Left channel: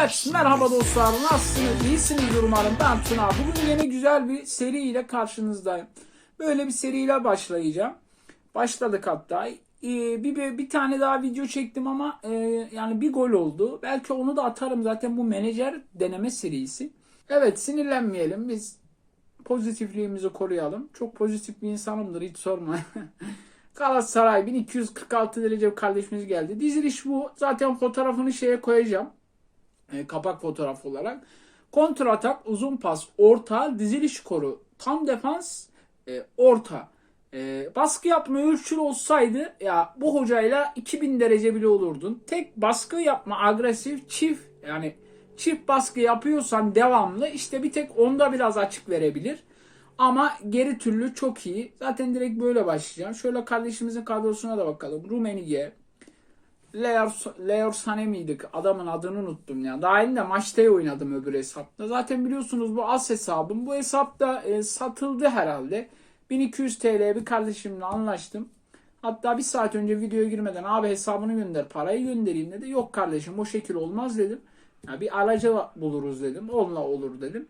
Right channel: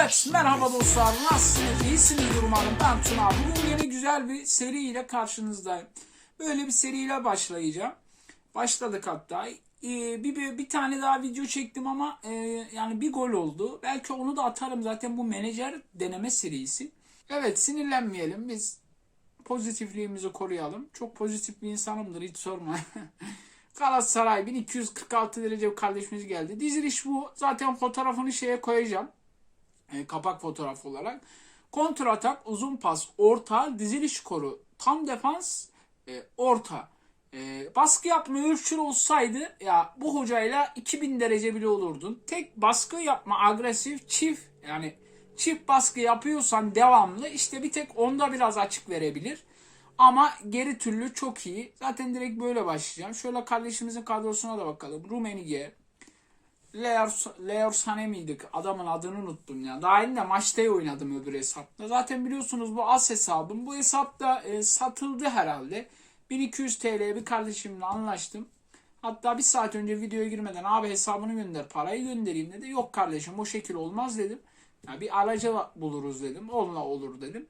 Evet merhaba dostlar. Nasılsınız? İyisiniz umarım. Ben Tuna. Bugün yeni güzel bir seri ile karşınızdayım. Böyle bir seriyle başlayacağım. Başladık hatta. Ee, bir, bir, bir tane daha video çektim ama e, yani bir gol oldu. Belki onu da atarım. Zaten bu menajer deneme serisi. Evet sinirlenmeyelim. Biz pozitifliğimizi koruyalım. Çok pozitif bir insanımdır hiç sorma. Galatasaray 1246 derece kardeşimiz geldi. Diziliş bu. Zaten fotoğrafını şeye koyacağım. E, kapak fotoğraf olarak. Kontra atak, uzun pas, orta, diziliş koru, tam defans, e, orta. E, baskı yapma ölçülü olsaydı ya bu hocayla 2000 derece bile olurdun. Tek baskı yapma agresif çift yani çift baskı yapıyorsan devamlı işte bir tek onda biraz açık verebilir. Ama geri türlü çok iyi. Zaten direkt böyle başlayacağım. Şöyle kardeşimizin kadrosuna da bakalım. Rumenige, Leo Sané miydik? Adamın adını unuttum ya. Daha yeni de maçta oynadım öbür hesapta. Zaten biliyorsunuz bu as hesabım. Bu hesapta e, satıldı herhalde. 1200 TL'ye bir kardeşimle anlaştım. Hatta bir saat önce videoya girmeden abi hesabını gönder parayı göndereyim dedi. Yok kardeşim o şekil olmaz dedim. Ya bir aracı buluruz dedim. Onunla olur dedim.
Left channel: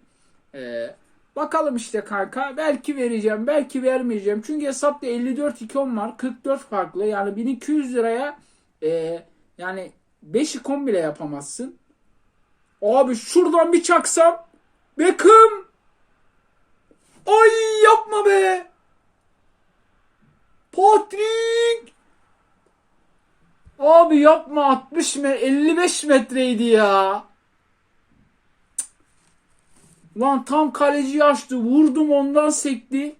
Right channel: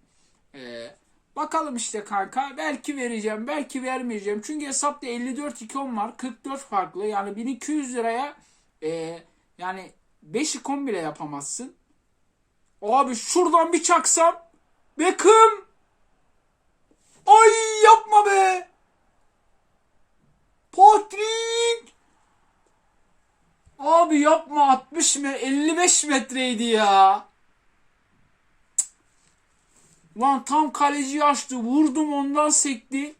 Eee Bakalım işte kanka. Belki vereceğim, belki vermeyeceğim. Çünkü hesapta 54 ikon var. 44 farklı. Yani 1200 liraya e, yani 5 ikon bile yapamazsın. Abi şuradan bir çaksam. Beckham. Ay yapma be. Patrick. Abi yapma 60 metre 55 metreydi ya. Lan tam kaleci açtı. Vurdum ondan sekti.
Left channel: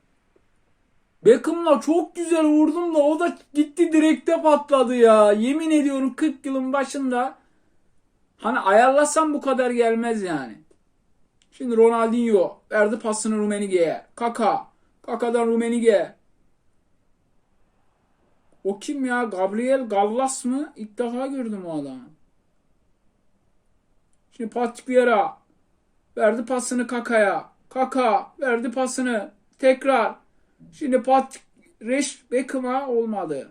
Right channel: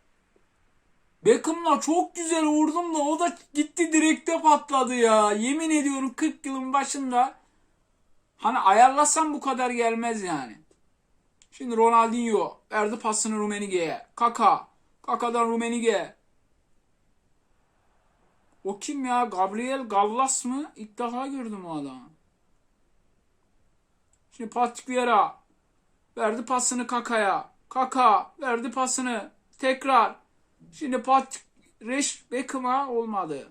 Beckham'la çok güzel vurdum da o da gitti direkte patladı ya. Yemin ediyorum 40 yılın başında hani ayarlasam bu kadar gelmez yani. Şimdi Ronaldinho verdi pasını Rumenige'ye. Kaka. Kaka'dan Rumenige. O kim ya? Gabriel Gallas mı? İlk defa gördüm o adamı. Şimdi Patrick Vieira. Verdi pasını Kaka'ya. Kaka verdi pasını. Tekrar. Şimdi Pat Reş Beckham'a olmadı.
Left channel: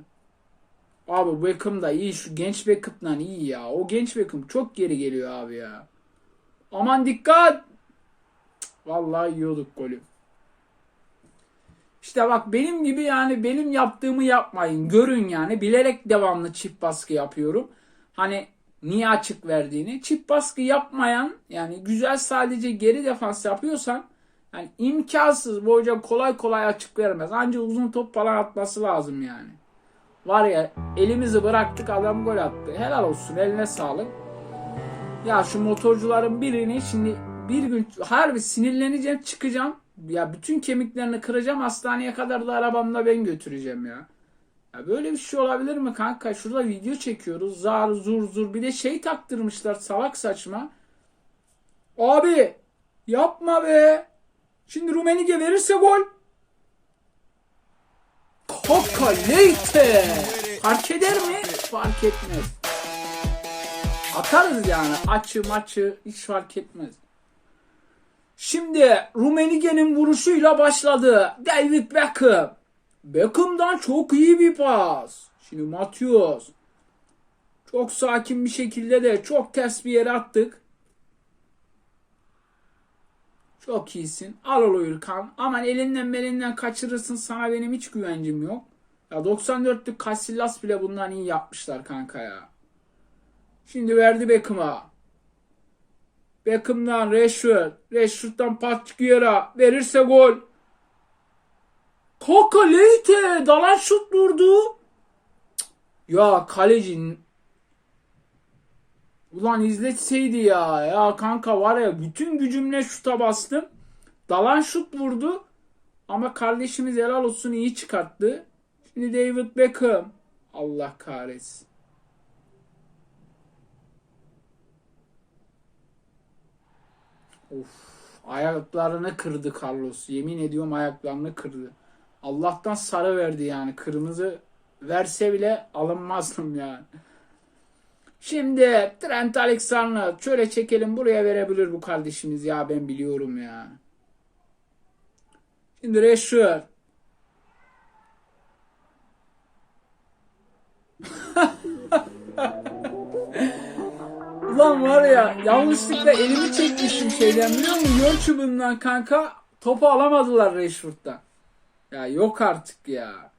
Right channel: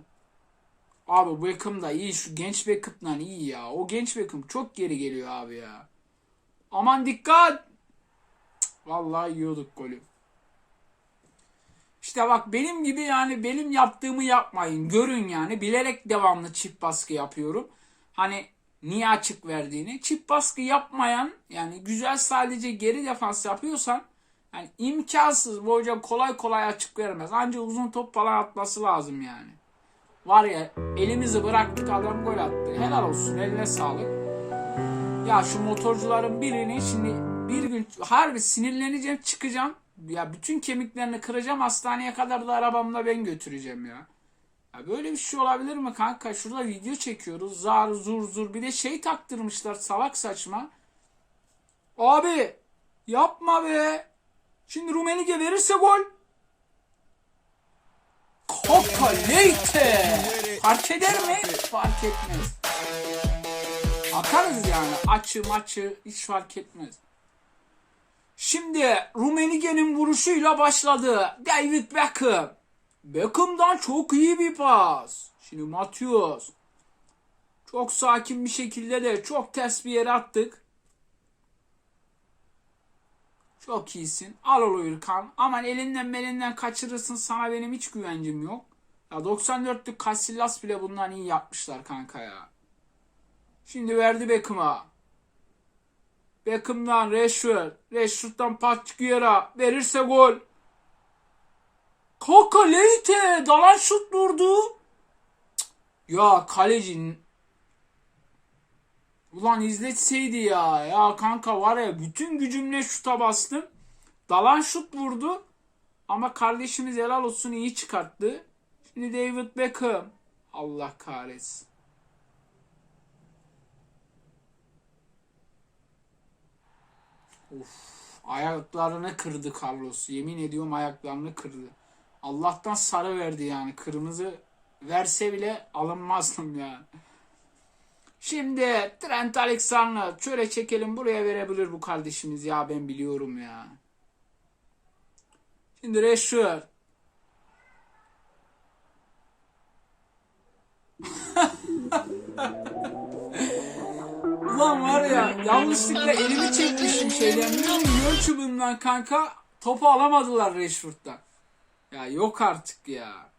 Abi Beckham da iyi. Şu genç Beckham'dan iyi ya. O genç Beckham çok geri geliyor abi ya. Aman dikkat. Vallahi yiyorduk golü. İşte bak benim gibi yani benim yaptığımı yapmayın. Görün yani. Bilerek devamlı çift baskı yapıyorum. Hani niye açık verdiğini. Çift baskı yapmayan yani güzel sadece geri defans yapıyorsan yani imkansız bu hocam kolay kolay açık vermez. Ancak uzun top falan atması lazım yani. Var ya elimizi bıraktık adam gol attı. Helal olsun eline sağlık. Ya şu motorcuların birini şimdi bir gün harbi sinirleneceğim çıkacağım. Ya bütün kemiklerini kıracağım hastaneye kadar da arabamla ben götüreceğim ya. Ya böyle bir şey olabilir mi kanka? Şurada video çekiyoruz. Zar zur zur. Bir de şey taktırmışlar salak saçma. Abi yapma be. Şimdi Rumenige verirse gol. Kaka Leyte. Fark eder mi? Fark etmez. Atarız yani. Açı maçı hiç fark etmez. Şimdi Rumenige'nin vuruşuyla başladı. David Beckham. Beckham'dan çok iyi bir pas. Şimdi Matius. Çok sakin bir şekilde de çok ters bir yere attık. Çok iyisin. Al ol Ürkan. Aman elinden belinden kaçırırsın sana benim hiç güvencim yok. Ya 94'lük Casillas bile bundan iyi yapmışlar kanka ya. Şimdi verdi Beckham'a. Beckham'dan Rashford. Rashford'dan Patrick Verirse gol. Kaka Leite dalan şut vurdu. Ya kalecinin Ulan izletseydi ya. Ya kanka var ya bütün gücümle şuta bastım. Dalan şut vurdu. Ama kardeşimiz helal olsun iyi çıkarttı. Şimdi David Beckham. Allah kahretsin. Of. Ayaklarını kırdı Carlos. Yemin ediyorum ayaklarını kırdı. Allah'tan sarı verdi yani. Kırmızı verse bile alınmazdım yani. Şimdi Trent Alexander şöyle çekelim buraya verebilir bu kardeşimiz ya ben biliyorum ya. Şimdi Rashford. Ulan var ya yanlışlıkla elimi çekmişim şeyden biliyor musun? Yön çubuğundan kanka topu alamadılar Rashford'dan. Ya yok artık ya.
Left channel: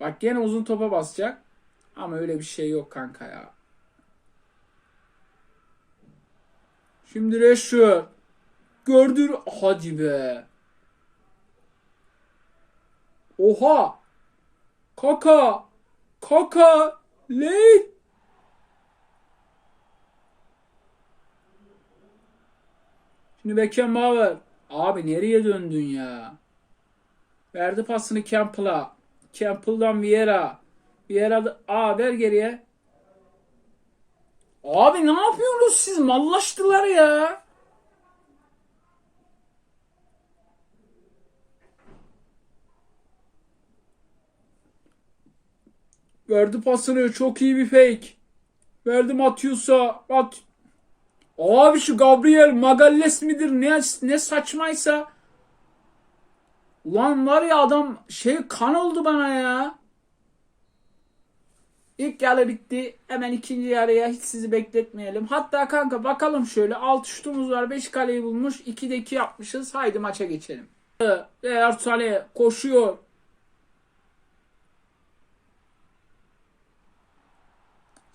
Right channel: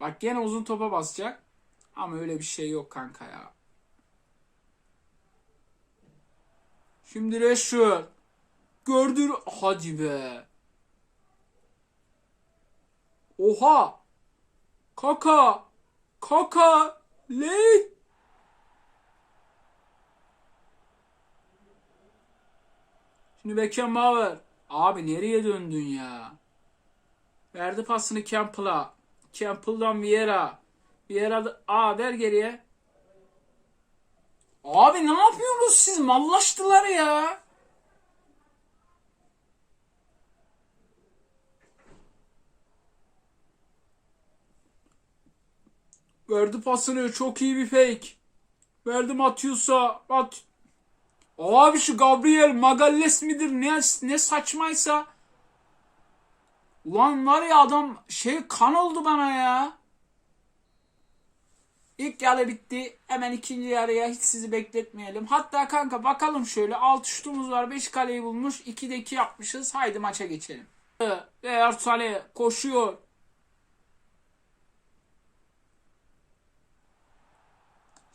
Bak gene uzun topa basacak. Ama öyle bir şey yok kanka ya. Şimdi Rashford. Gördür. Hadi be. Oha. Kaka. Kaka. Late. Şimdi Beckenbauer. Abi nereye döndün ya? Verdi pasını Campbell'a. Campbell'dan Vieira. Vieira aa ver geriye. Abi ne yapıyorsunuz siz? Mallaştılar ya. Verdi pasını. Çok iyi bir fake. Verdi Matius'a. Mat Abi şu Gabriel Magalles midir ne, ne saçmaysa. Ulan var ya adam şey kan oldu bana ya. İlk yarı bitti. Hemen ikinci yarıya hiç sizi bekletmeyelim. Hatta kanka bakalım şöyle 6 şutumuz var. 5 kaleyi bulmuş. 2'de 2 yapmışız. Haydi maça geçelim. Ersale koşuyor.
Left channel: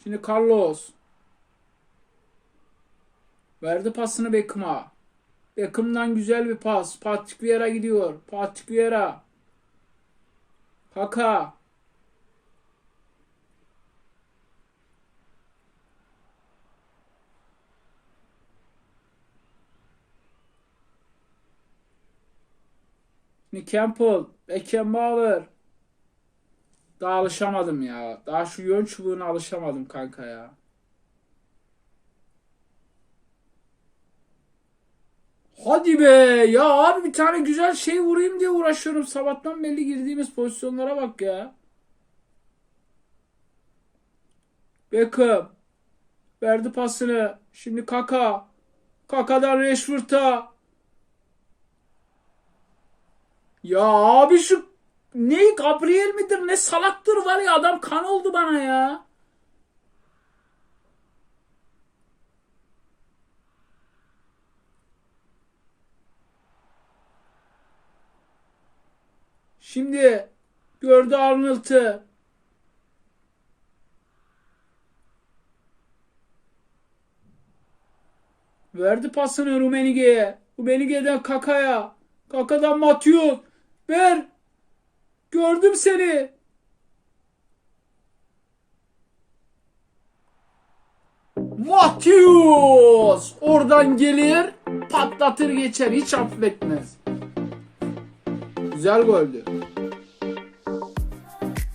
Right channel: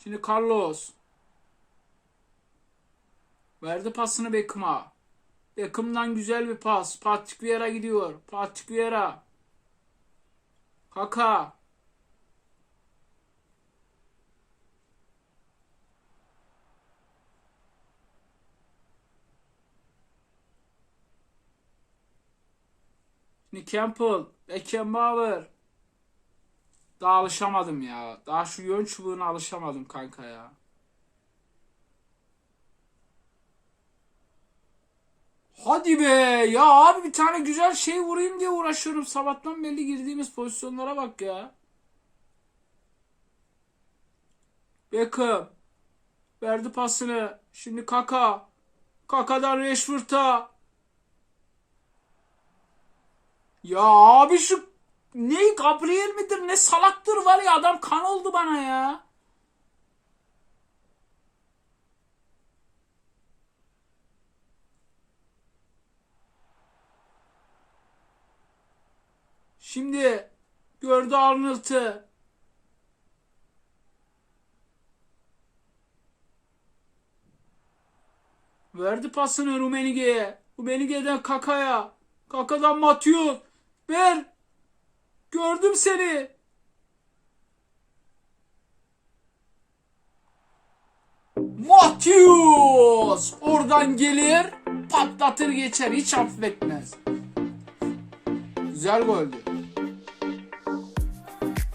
Şimdi Carlos. Verdi pasını Beckham'a. Beckham'dan güzel bir pas. Patrick Vieira gidiyor. Patrick Vieira. Kaka. Şimdi Campbell. Beckenbauer. Daha alışamadım ya. Daha şu yön çubuğuna alışamadım kanka ya. Hadi be ya abi bir tane güzel şey vurayım diye uğraşıyorum. Sabahtan belli girdiğimiz pozisyonlara bak ya. Beckham. Verdi pasını. Şimdi Kaka. Kaka'dan Rashford'a. Ya abi şu ne Gabriel midir ne salaktır var ya adam kan oldu bana ya. Şimdi gördü Arnold'u. Verdi pasını Rumenige'ye. Rumenige'den Kaka'ya. Kaka'dan Mathieu. Ver. Gördüm seni. Matthews oradan gelir patlatır geçer hiç affetmez. Güzel goldü.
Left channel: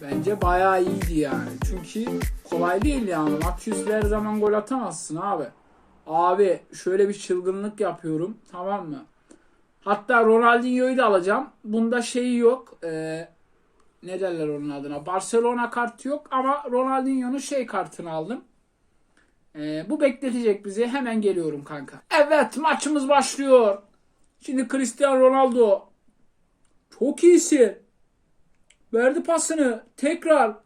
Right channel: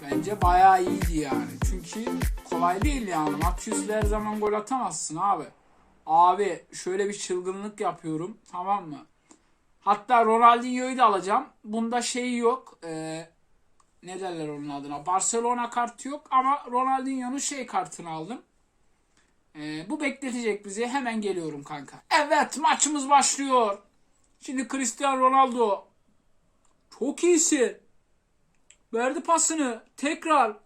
Bence bayağı iyiydi yani. Çünkü kolay değil yani. Matthews'le her zaman gol atamazsın abi. Abi şöyle bir çılgınlık yapıyorum. Tamam mı? Hatta Ronaldinho'yu da alacağım. Bunda şey yok. Ee, ne derler onun adına? Barcelona kartı yok ama Ronaldinho'nun şey kartını aldım. Ee, bu bekletecek bizi. Hemen geliyorum kanka. Evet maçımız başlıyor. Şimdi Cristiano Ronaldo. Çok iyisin. Verdi pasını. Tekrar.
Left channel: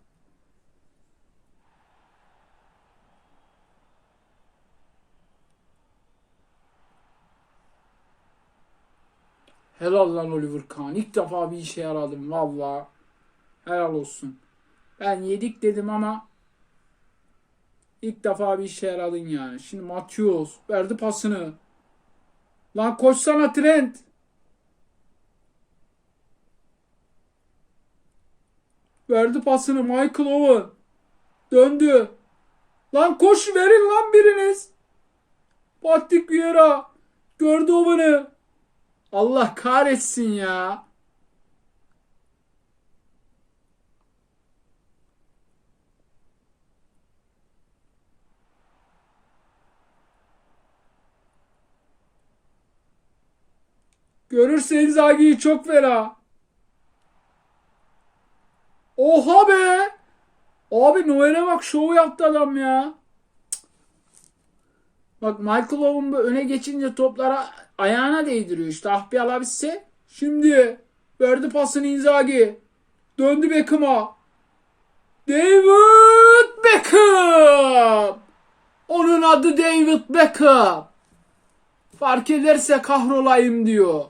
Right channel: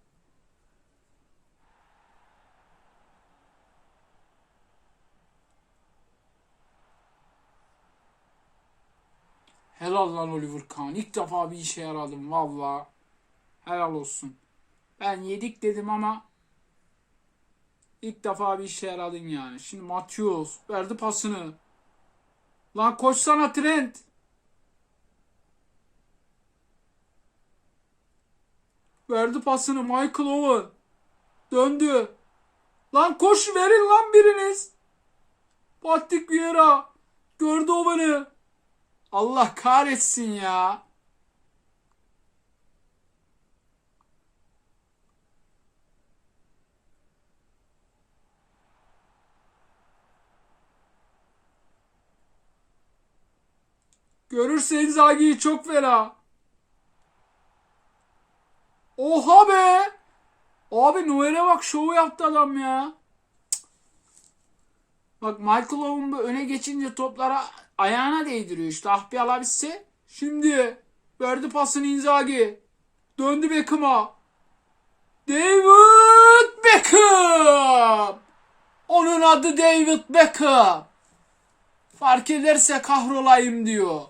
Helal lan Oliver Kahn. İlk defa bir işe yaradım valla. Helal olsun. Ben yedik dedim ama ilk defa bir işe yaradın yani. Şimdi Matius verdi pasını. Lan koşsana Trent. Verdi pasını Michael Owen. Döndü. Lan koş verin lan biriniz. Patrick Vieira. Gördü Owen'ı. Allah kahretsin ya. Görürse Inzaghi'yi çok fena. Oha be. Abi Noel'e bak şovu yaptı adam ya. Bak Michael Owen öne geçince toplara ayağına değdiriyor işte. Ah bir alabilse. Şimdi verdi pasını Inzaghi. Döndü Beckham'a. David Beckham. Onun adı David Beckham. Fark ederse kahrolayım diyor.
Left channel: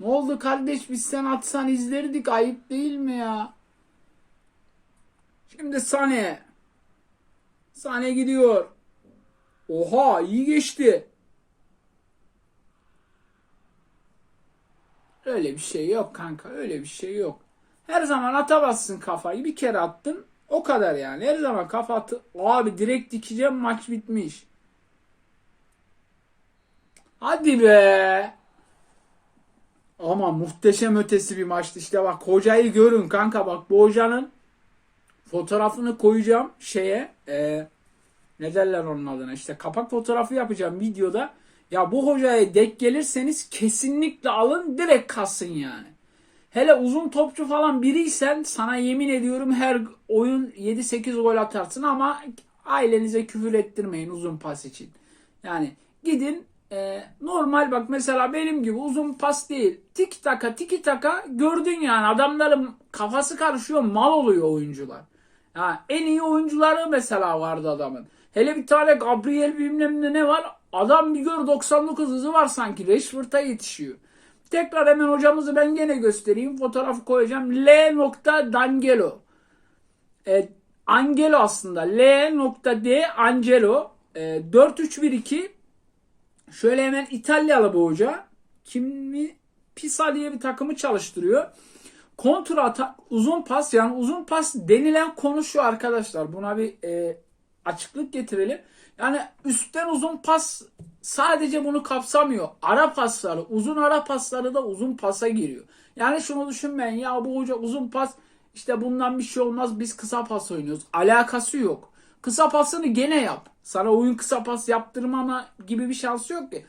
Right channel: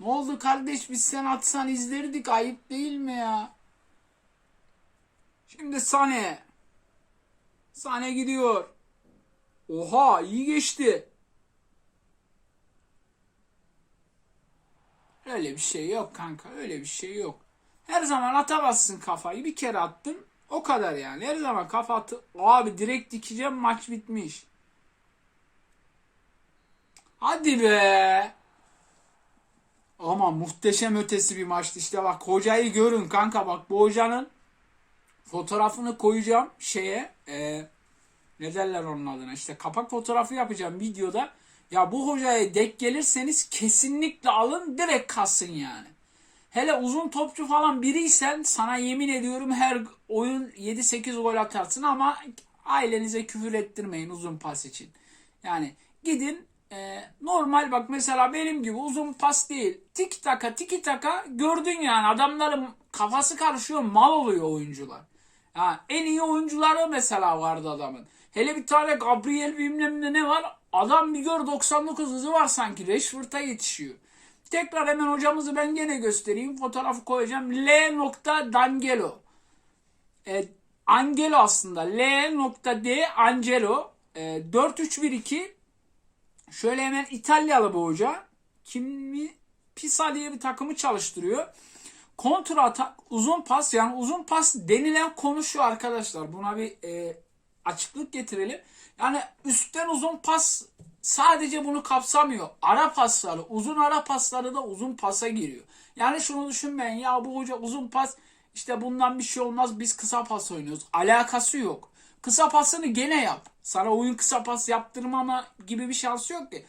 Ne oldu kardeş biz sen atsan izlerdik ayıp değil mi ya? Şimdi Sane. Sane gidiyor. Oha iyi geçti. Öyle bir şey yok kanka. Öyle bir şey yok. Her zaman atamazsın kafayı. Bir kere attın. O kadar yani. Her zaman kafa atı. Abi direkt dikeceğim maç bitmiş. Hadi be. Ama muhteşem ötesi bir maçtı. İşte bak hocayı görün kanka bak bu hocanın fotoğrafını koyacağım şeye e, ne derler onun adına işte kapak fotoğrafı yapacağım videoda. Ya bu hocaya denk gelirseniz kesinlikle alın direkt kalsın yani. Hele uzun topçu falan biriysen sana yemin ediyorum her oyun 7-8 gol atarsın ama ailenize küfür ettirmeyin uzun pas için. Yani gidin e, normal bak mesela benim gibi uzun pas değil. Tik taka tiki taka gördün yani adamların kafası karışıyor mal oluyor oyuncular. Ha, en iyi oyuncuları mesela vardı adamın. Hele bir tane Gabriel bilmem ne ne var. Adam bir gör 99 hızı var sanki. Rashford'a yetişiyor. Tekrar hemen hocamızı ben gene göstereyim. Fotoğrafı koyacağım. L. D'Angelo. E, Angelo aslında. L. D. Angelo. E, 4-3-1-2. Şöyle hemen İtalyalı bu hoca. Kimi? Pisa diye bir takımı çalıştırıyor. Kontra atak, uzun pas yani uzun pas denilen konu şu arkadaşlar. Buna bir e, açıklık getirelim. Yani üstten uzun pas sadece bunu kapsamıyor. Ara pasları, uzun ara pasları da uzun pasa giriyor. Yani şunu düşünmeyin ya bu hoca uzun pas işte bundan bir şey olmaz biz kısa pas oynuyoruz. Alakası yok. Kısa pasını gene yap. Sana oyun kısa pas yaptırmama gibi bir şansı yok ki.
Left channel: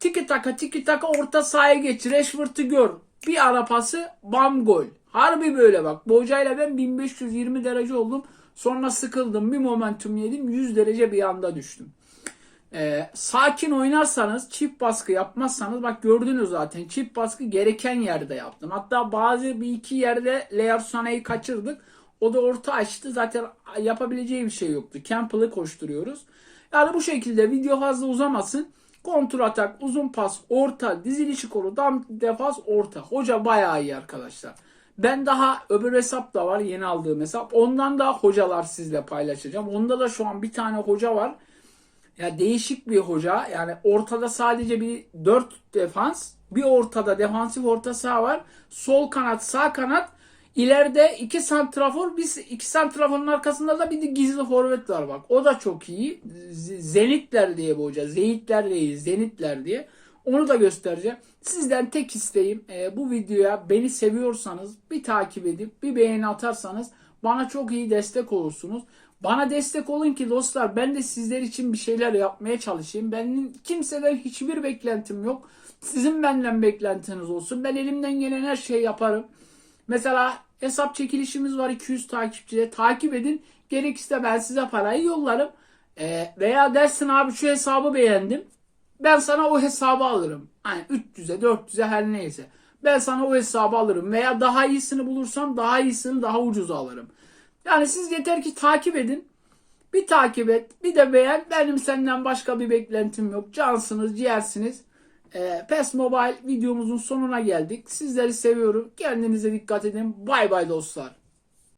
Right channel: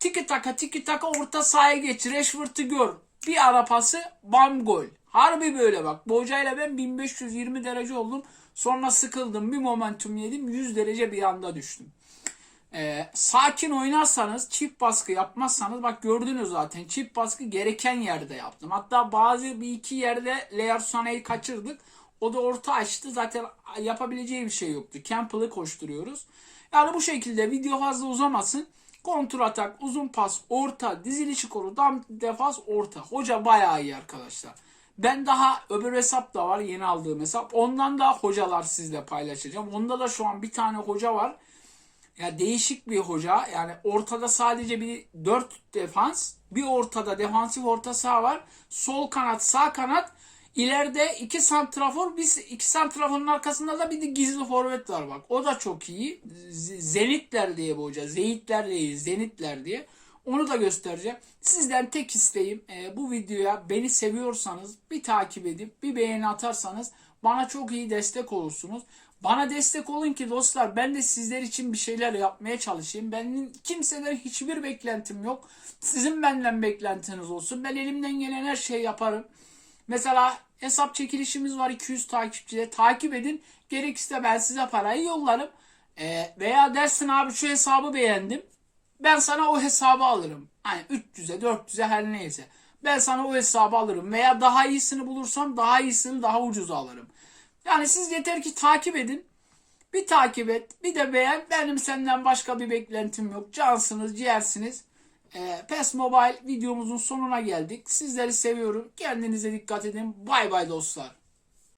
Tiki taka tiki taka orta sahaya geç. Rashford'u gör. Bir ara pası bam gol. Harbi böyle bak. Bu hocayla ben 1520 derece oldum. Sonra sıkıldım. Bir momentum yedim. 100 derece bir anda düştüm. Ee, sakin oynarsanız çift baskı yapmazsanız bak gördünüz zaten çift baskı gereken yerde yaptım. Hatta bazı bir iki yerde Sane'yi kaçırdık. O da orta açtı. Zaten yapabileceği bir şey yoktu. Campbell'ı koşturuyoruz. Yani bu şekilde video fazla uzamasın. Kontrol atak, uzun pas, orta, dizilişi koru, dam defans, orta. Hoca bayağı iyi arkadaşlar. Ben daha öbür hesap da var yeni aldığım hesap. Ondan daha hocalar sizle paylaşacağım. Onda da şu an bir tane hoca var. Ya değişik bir hoca. Yani ortada sadece bir 4 defans, bir ortada defansif orta saha var. Sol kanat, sağ kanat. İleride iki santrafor, biz iki santraforun arkasında da bir de gizli forvet var bak. O da çok iyi. Zenitler diye bu hoca. Zeyitler değil, Zenitler diye. Onu da göstereceğim. Sizden tek isteğim e, bu videoya beni seviyorsanız bir takip edip bir beğeni atarsanız bana çok iyi destek olursunuz. Bana destek olun ki dostlar ben de sizler için bir şeyler yapmaya çalışayım. Benim kimseden hiçbir beklentim yok. Sizin benden beklentiniz olsun. Ben elimden gelen her şeyi yaparım. Mesela hesap çekilişimiz var 200 takipçide. Takip edin. Gerekirse ben size parayı yollarım. E, veya dersin abi şu hesabı beğendim. Ben sana o hesabı alırım. Hani 300'e 400'e her neyse. Ben sana o hesabı alırım. Veya daha iyisini bulursam daha iyisini daha ucuza alırım. Yani siz yeter ki takip edin. Bir takip et. Bir de beğen. Benim senden başka bir beklentim yok. Cansınız, ciğersiniz. Ee, PES Mobile videomuzun sonuna geldik. Sizleri seviyorum. Kendinize dikkat edin. Bay bay dostlar.